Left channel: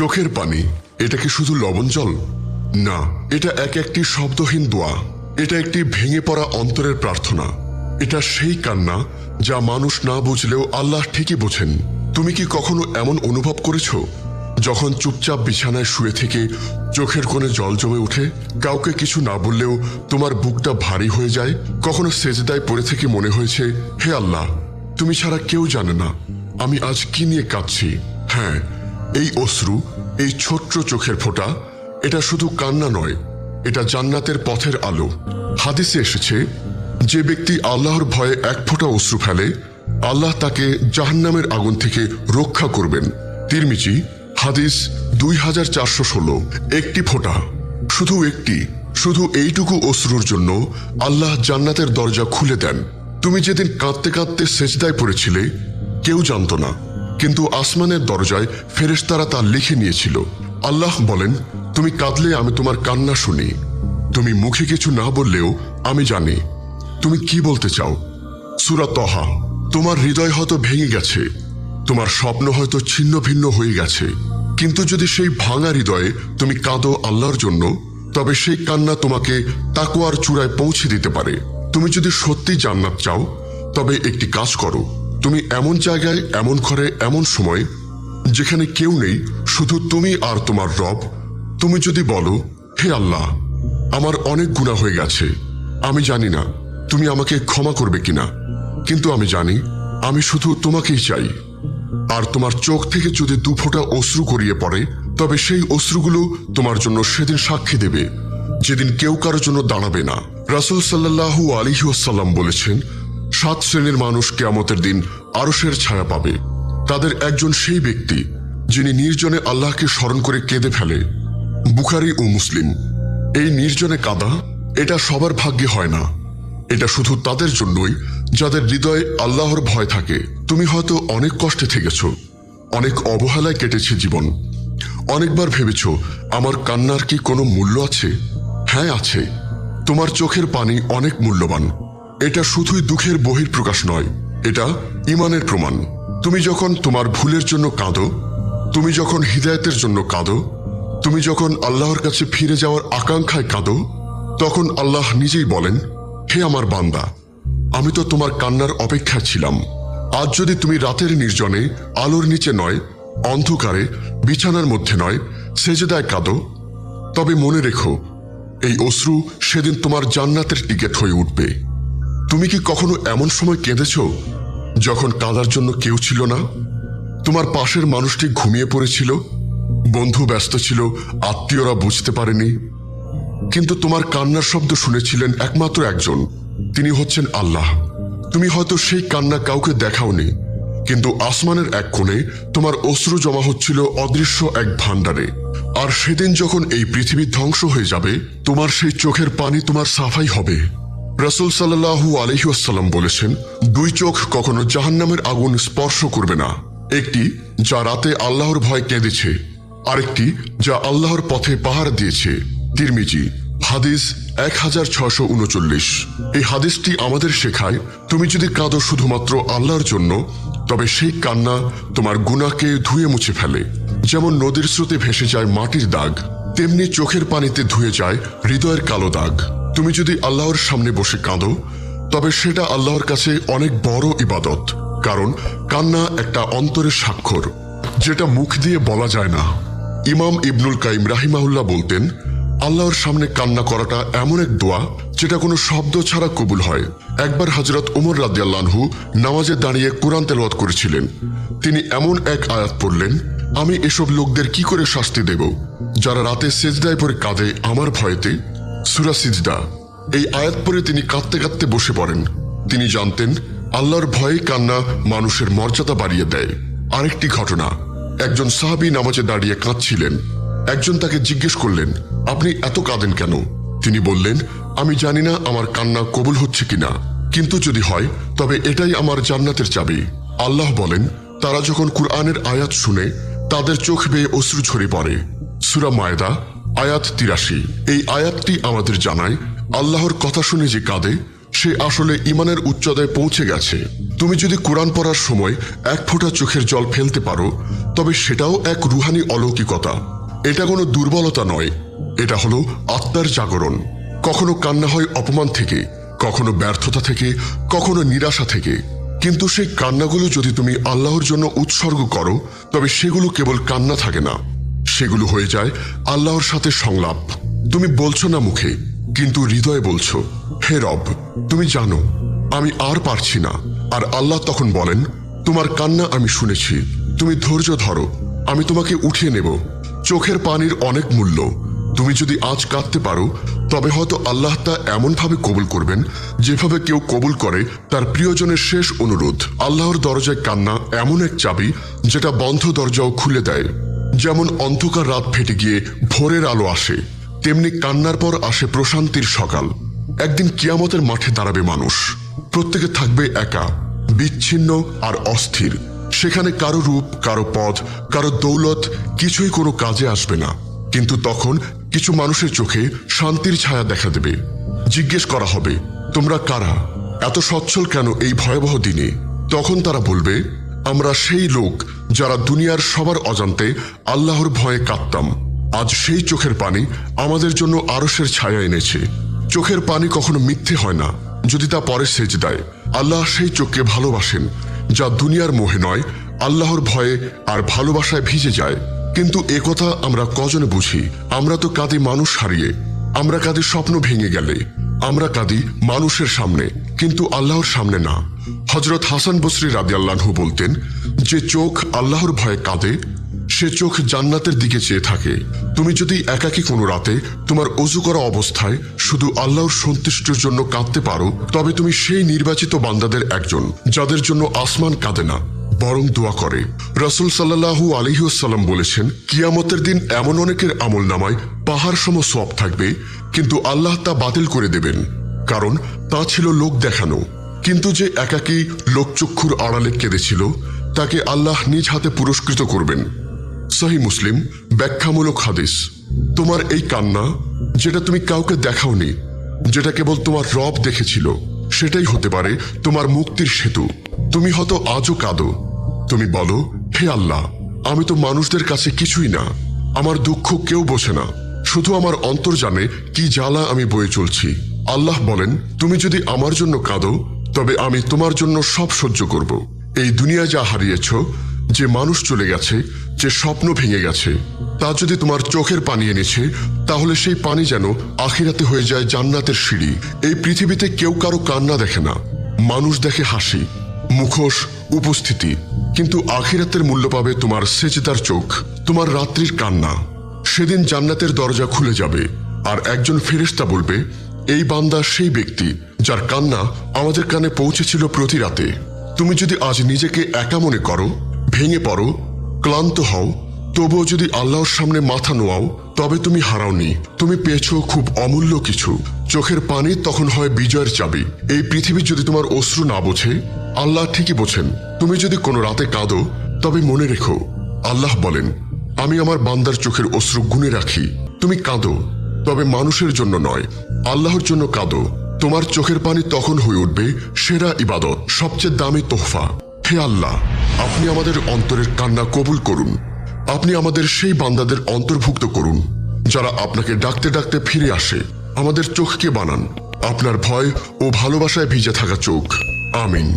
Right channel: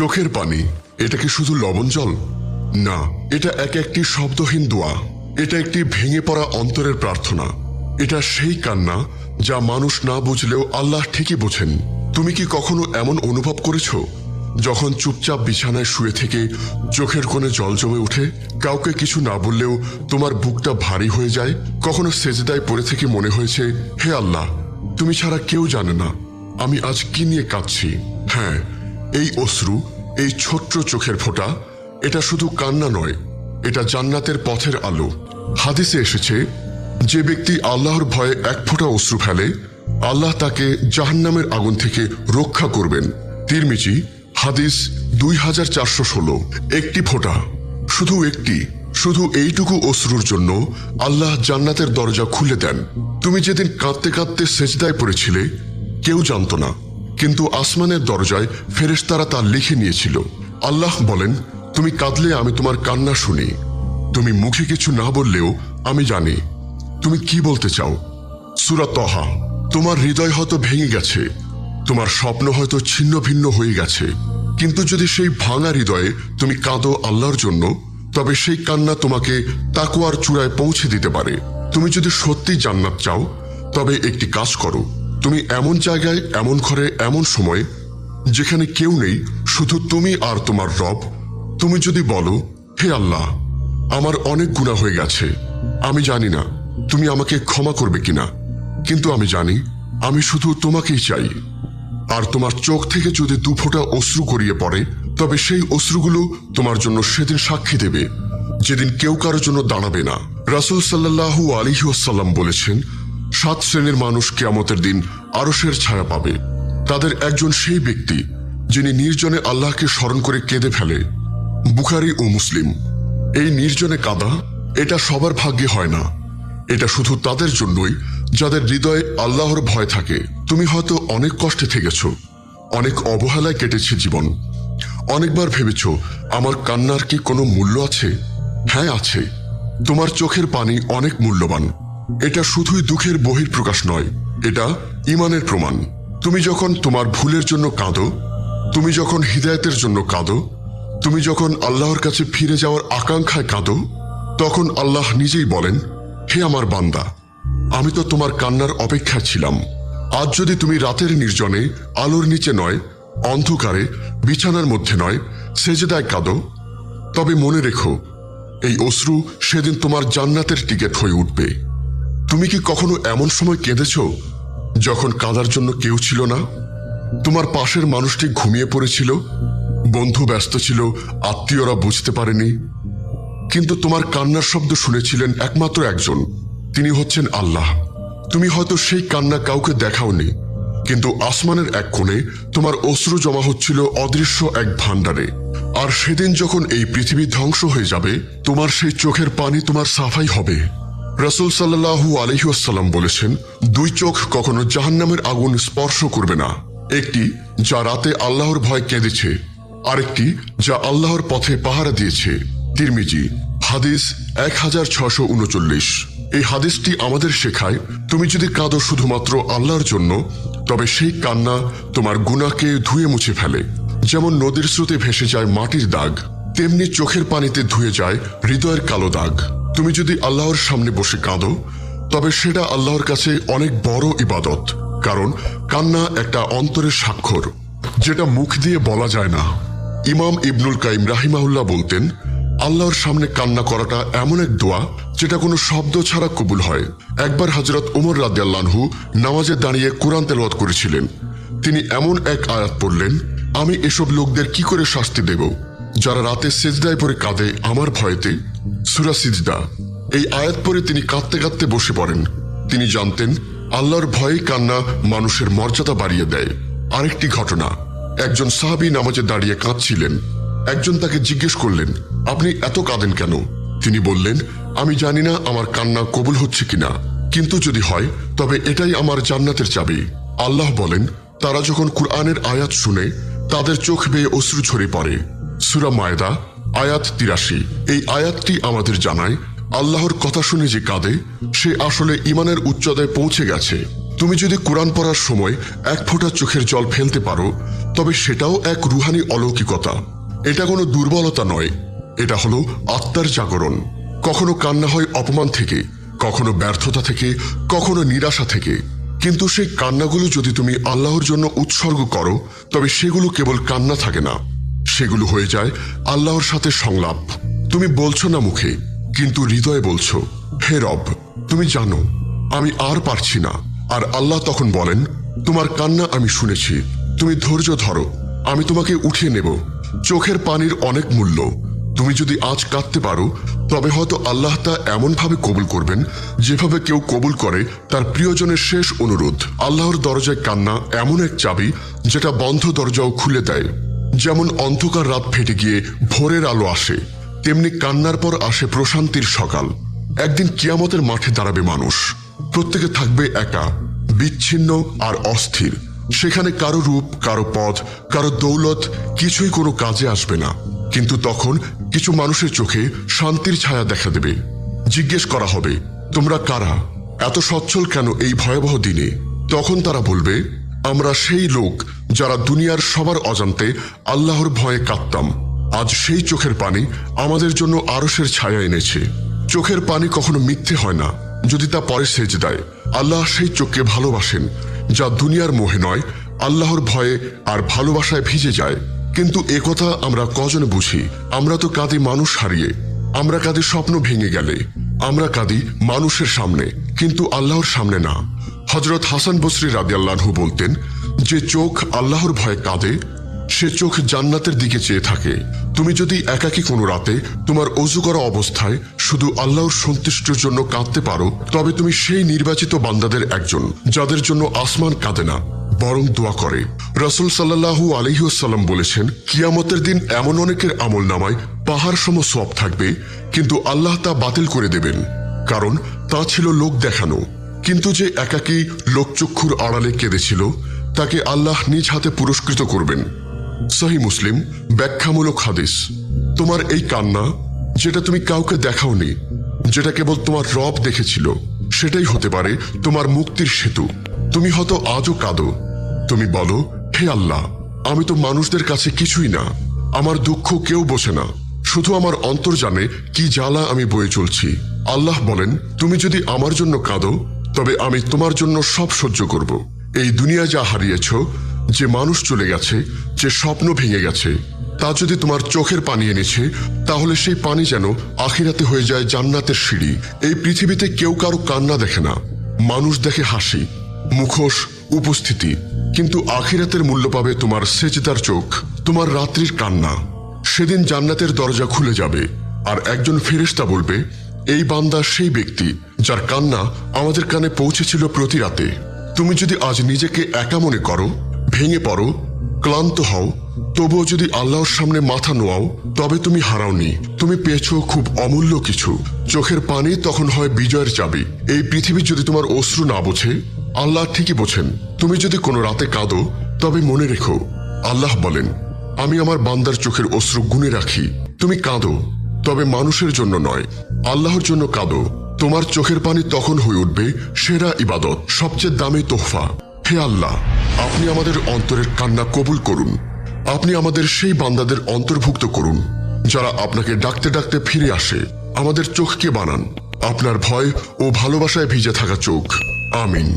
চোখের পানি, এটা কি শুধু লবণ জল? না, এটা একটি শব্দহীন দোয়া। এটা একটি ভেঙে পড়া অন্তরের প্রার্থনা। এটা সেই কান্না যা মানুষ না বুঝলেও আল্লাহ ঠিকই বুঝেন। তুমি কি কখনো এমন অনুভব করেছো যখন চুপচাপ বিছানায় শুয়ে থেকে চোখের কোণে জল জমে ওঠে, কাউকে কিছু না বললেও তোমার বুকটা ভারী হয়ে যায়? কখনো সেজদায় পড়ে থেকে মনে হয়েছে, হে আল্লাহ, তুমি ছাড়া কেউ জানে না আমি আজ কি নিয়ে কাঁদছি। হ্যাঁ, এই অশ্রু, এই ছোট্ট চোখের ফোঁটা, এটা শুধু কান্না নয়, এটা জান্নাতের পথের আলো। হাদিসে এসেছে, যে ব্যক্তি আল্লাহর ভয়ে এক ফোঁটা অশ্রু ফেলে, আল্লাহ তাকে জাহান্নামের আগুন থেকে রক্ষা করবেন। তিরমিজি হাদিস 2416। একটি ফোঁটা, শুধু এইটুকু অশ্রুর জন্য আল্লাহ জান্নাতের দরজা খুলে দেন। তুমি যেদিন কাঁদতে কাঁদতে সেজদায় পড়েছিলে, কেউ জানতো না, কিন্তু আসমানের দরজায় ফেরেশতারা তা লিখে নিয়েছিল। আল্লাহ বলেন, তুমি কাঁদলে আমি তোমার কান্না শুনি। তুমি মুখে কিছু না বললেও আমি জানি তুমি কি বলতে চাও। সূরা তাহা। তোমার হৃদয় হয়তো ভেঙে গেছে, তোমার স্বপ্ন হয়তো ছিন্ন ভিন্ন হয়ে গেছে, কিন্তু যদি সেই ভাঙা হৃদয়ে তুমি কাঁদো আল্লাহর জন্য, তবে সেই কান্না তোমাকে তাকওয়ার চূড়ায় পৌঁছে দিতে পারে। তুমি যদি সত্যি জান্নাত চাও, তবে একটি কাজ করো। তুমি এমন জায়গায়, এমন ঘরে, এমন সময় যেখানে কেউ নেই, শুধু তুমি আর তোমার রব, তুমি যদি বলো, হে আল্লাহ, আমার অনেক গুনাহ হয়ে গেছে, আমি জানি না তুমি আমাকে ক্ষমা করবে কিনা, কিন্তু আমি জানি আমি শুধু তোমাকেই চাই। আর তোমার চোখ থেকে যদি দুফোঁটা অশ্রু গড়িয়ে পড়ে, তবে সেই অশ্রুগুলো তোমার জন্য সেদিন সাক্ষী দেবে, যেদিন কেউ কারোর জন্য দাঁড়াবে না। রাসূল সাল্লাল্লাহু আলাইহি ওয়াসাল্লাম বলেছেন, 7 শ্রেণীর মানুষ কিয়ামতের দিন আরশের ছায়া পাবে। তাদের একজন সেই ব্যক্তি যিনি নির্জনে আল্লাহকে স্মরণ করে কেঁদে ফেলে। বুখারী ও মুসলিম। এই নির্জনে কাঁদা, এটা সবার ভাগ্যে হয় না। এটা শুধু তাদের জন্যই যাদের হৃদয়ে আল্লাহর ভয় থাকে। তুমি হয়তো অনেক কষ্টে থেকেছ, অনেক অবহেলায় কেটেছে জীবন। অনেকবার ভেবেছ, আমার কান্নার কি কোনো মূল্য আছে? হ্যাঁ, আছে। তোমার চোখের পানি অনেক মূল্যবান। এটা শুধুই দুঃখের বহিঃপ্রকাশ নয়, এটা ঈমানের প্রমাণ। তুমি যখন তোমার ভুলের জন্য কাঁদো, তুমি যখন হিদায়াতের জন্য কাঁদো, তুমি যখন আল্লাহর কাছে ফিরে যাওয়ার আকাঙ্ক্ষায় কাঁদো, তখন আল্লাহ নিজেই বলেন, হে আমার বান্দা, আমি তো তোমার কান্নার অপেক্ষায় ছিলাম। আজ যদি তুমি রাতের নির্জনে, আলোর নিচে নয়, অন্ধকারে, বিছানার মধ্যে নয়, সেজদায় কাঁদো, তবে মনে রেখো, এই অশ্রু সেদিন তোমার জান্নাতের টিকিট হয়ে উঠবে। তুমি কি কখনো এমন সময় কেঁদেছ যখন কাঁদার জন্য কেউ ছিল না? তোমার পাশের মানুষটি ঘুমিয়ে পড়েছিল, বন্ধু ব্যস্ত ছিল, আত্মীয়রা বুঝতে পারেনি, কিন্তু তোমার কান্নার শব্দ শুনেছিলেন একমাত্র একজন, তিনি হচ্ছেন আল্লাহ। তুমি হয়তো সেই কান্না কাউকে দেখাওনি, কিন্তু আসমানের এক কোণে তোমার অশ্রু জমা হচ্ছিল অদৃশ্য এক ভান্ডারে। আর সেদিন যখন এই পৃথিবী ধ্বংস হয়ে যাবে, তোমার সেই চোখের পানি তোমার সাফাই হবে। রাসূল সাল্লাল্লাহু আলাইহি ওয়াসাল্লাম বলেছেন, 2 চোখ কখনো জাহান্নামের আগুন স্পর্শ করবে না। একটি যা রাতে আল্লাহর ভয় কেঁদেছে, আরেকটি যা আল্লাহর পথে পাহারা দিয়েছে। তিরমিজি হাদিস 1639। এই হাদিসটি আমাদের শেখায়, তুমি যদি কাঁদো শুধুমাত্র আল্লাহর জন্য, তবে সেই কান্না তোমার গুনাহকে ধুয়ে মুছে ফেলে। যেমন নদীর স্রোতে ভেসে যায় মাটির দাগ, তেমনি চোখের পানিতে ধুয়ে যায় হৃদয়ের কালো দাগ। তুমি যদি আল্লাহর সামনে বসে কাঁদো, তবে সেটা আল্লাহর কাছে অনেক বড় ইবাদত, কারণ কান্না একটা অন্তরের স্বাক্ষর, যেটা মুখ দিয়ে বলা যায় না। ইমাম ইবনুল কাইম রাহিমাহুল্লাহ বলতেন, আল্লাহর সামনে কান্না করাটা এমন এক দোয়া যেটা কোনো শব্দ ছাড়া কবুল হয়। একবার হযরত ওমর রাদিয়াল্লাহু আনহু নামাজে দাঁড়িয়ে কোরআন তেলাওয়াত করেছিলেন। তিনি এমন এক আয়াত পড়লেন, আমি এসব লোকদের কি করে শাস্তি দেব যারা রাতে সিজদায় পড়ে কাঁদে আমার ভয়েতে। সূরা সিজদা। এই আয়াত পড়ে তিনি কাঁদতে কাঁদতে বসে পড়েন। তিনি জানতেন আল্লাহর ভয়ে কান্না মানুষের মর্যাদা বাড়িয়ে দেয়। আরেকটি ঘটনা, একজন সাহাবী নামাজে দাঁড়িয়ে কাঁদছিলেন। একজন তাকে জিজ্ঞেস করলেন, আপনি এত কাঁদেন কেন? তিনি বললেন, আমি জানি না আমার কান্না কবুল হচ্ছে কিনা, কিন্তু যদি হয় তবে এটাই আমার জান্নাতের চাবি। আল্লাহ বলেন, তারা যখন কুরআনের আয়াত শুনে তাদের চোখ বেয়ে অশ্রু ছড়িয়ে পড়ে। সূরা মায়দা আয়াত 83। এই আয়াতটি আমাদের জানায়, আল্লাহর কথা শুনে যে কাঁদে সে আসলে ঈমানের উচ্চতায় পৌঁছে গেছে। তুমি যদি কোরআন পড়ার সময় এক ফোঁটা চোখের জল ফেলতে পারো, তবে সেটাও এক রুহানি অলৌকিকতা। এটা কোনো দুর্বলতা নয়, এটা হলো আত্মার জাগরণ। কখনো কান্না হয় অপমান থেকে, কখনো ব্যর্থতা থেকে, কখনো নিরাশা থেকে। কিন্তু সেই কান্নাগুলো যদি তুমি আল্লাহর জন্য উৎসর্গ করো, তবে সেগুলো কেবল কান্না থাকে না, সেগুলো হয়ে যায় আল্লাহর সাথে সংলাপ। তুমি বলছো না মুখে, কিন্তু হৃদয়ে বলছো, হে রব, তুমি জানো আমি আর পারছি না। আর আল্লাহ তখন বলেন, তোমার কান্না আমি শুনেছি, তুমি ধৈর্য ধরো, আমি তোমাকে উঠিয়ে নেব। চোখের পানির অনেক মূল্য। তুমি যদি আজ কাঁদতে পারো, তবে হয়তো আল্লাহ তা এমন ভাবে কবুল করবেন যেভাবে কেউ কবুল করে তার প্রিয়জনের শেষ অনুরোধ। আল্লাহর দরজায় কান্না এমন এক চাবি যেটা বন্ধ দরজাও খুলে দেয়। যেমন অন্ধকার রাত ফেটে গিয়ে ভোরের আলো আসে, তেমনি কান্নার পর আসে প্রশান্তির সকাল। একদিন কিয়ামতের মাঠে দাঁড়াবে মানুষ, প্রত্যেকে থাকবে একা, বিচ্ছিন্ন আর অস্থির। সেখানে কারো রূপ, কারো পদ, কারো দৌলত কিছুই কোনো কাজে আসবে না। কিন্তু তখন কিছু মানুষের চোখে শান্তির ছায়া দেখা দেবে। জিজ্ঞেস করা হবে, তোমরা কারা, এত সচ্ছল কেন এই ভয়াবহ দিনে? তখন তারা বলবে, আমরা সেই লোক যারা দুনিয়ার সবার অজান্তে আল্লাহর ভয়ে কাঁদতাম। আজ সেই চোখের পানি আমাদের জন্য আরশের ছায়া এনেছে। চোখের পানি কখনো মিথ্যে হয় না যদি তা পরে সেজদায়। আল্লাহ সেই চোখকে ভালোবাসেন যা দুনিয়ার মোহে নয়, আল্লাহর ভয়ে আর ভালোবাসায় ভিজে যায়। কিন্তু একথা আমরা কজনে বুঝি? আমরা তো কাঁদি মানুষ হারিয়ে, আমরা কাঁদি স্বপ্ন ভেঙে গেলে, আমরা কাঁদি মানুষের সামনে, কিন্তু আল্লাহর সামনে না। হযরত হাসান বসরি রাদিয়াল্লাহু বলতেন, যে চোখ আল্লাহর ভয়ে কাঁদে সে চোখ জান্নাতের দিকে চেয়ে থাকে। তুমি যদি একাকী কোনো রাতে তোমার অজু করা অবস্থায় শুধু আল্লাহর সন্তুষ্টির জন্য কাঁদতে পারো, তবে তুমি সেই নির্বাচিত বান্দাদের একজন যাদের জন্য আসমান কাঁদে না, বরং দোয়া করে। রাসূল সাল্লাল্লাহু আলাইহি ওয়াসাল্লাম বলেছেন, কিয়ামতের দিন এমন অনেকের আমলনামায় পাহাড় সম সওয়াব থাকবে, কিন্তু আল্লাহ তা বাতিল করে দেবেন, কারণ তা ছিল লোক দেখানো। কিন্তু যে একাকী লোকচক্ষুর আড়ালে কেঁদেছিল, তাকে আল্লাহ নিজ হাতে পুরস্কৃত করবেন। সহিহ মুসলিম ব্যাখ্যামূলক হাদিস। তোমার এই কান্না, যেটা তুমি কাউকে দেখাওনি, যেটা কেবল তোমার রব দেখেছিল, সেটাই হতে পারে তোমার মুক্তির সেতু। তুমি হয়তো আজও কাঁদো, তুমি বলো, হে আল্লাহ, আমি তো মানুষদের কাছে কিছুই না, আমার দুঃখ কেউ বোঝে না, শুধু আমার অন্তর জানে কি জ্বালা আমি বয়ে চলছি। আল্লাহ বলেন, তুমি যদি আমার জন্য কাঁদো, তবে আমি তোমার জন্য সব সহ্য করব। এই দুনিয়ায় যা হারিয়েছ, যে মানুষ চলে গেছে, যে স্বপ্ন ভেঙে গেছে, তা যদি তোমার চোখের পানি এনেছে, তাহলে সেই পানি যেন আখিরাতে হয়ে যায় জান্নাতের সিঁড়ি। এই পৃথিবীতে কেউ কারো কান্না দেখে না, মানুষ দেখে হাসি, মুখোশ, উপস্থিতি, কিন্তু আখিরাতের মূল্য পাবে তোমার সেজদার চোখ, তোমার রাত্রির কান্না। সেদিন জান্নাতের দরজা খুলে যাবে, আর একজন ফেরেশতা বলবে, এই বান্দা সেই ব্যক্তি যার কান্না আমাদের কানে পৌঁছেছিল প্রতি রাতে। তুমি যদি আজ নিজেকে একা মনে করো, ভেঙে পড়ো, ক্লান্ত হও, তবুও যদি আল্লাহর সামনে মাথা নোয়াও, তবে তুমি হারাওনি, তুমি পেয়েছো খুব অমূল্য কিছু। চোখের পানি তখন হয় বিজয়ের চাবি। এই পৃথিবী যদি তোমার অশ্রু না বোঝে, আল্লাহ ঠিকই বোঝেন। তুমি যদি কোনো রাতে কাঁদো, তবে মনে রেখো, আল্লাহ বলেন, আমি আমার বান্দার চোখের অশ্রু গুণে রাখি। তুমি কাঁদো, তবে মানুষের জন্য নয়, আল্লাহর জন্য কাঁদো। তোমার চোখের পানি তখন হয়ে উঠবে সেরা ইবাদত, সবচেয়ে দামি তোহফা। হে আল্লাহ, আপনি আমাদের অন্তরের কান্না কবুল করুন। আপনি আমাদের সেই বান্দাদের অন্তর্ভুক্ত করুন যারা আপনাকে ডাকতে ডাকতে ফিরে আসে। আমাদের চোখকে বানান আপনার ভয় ও ভালোবাসায় ভিজে থাকা চোখ। আমিন।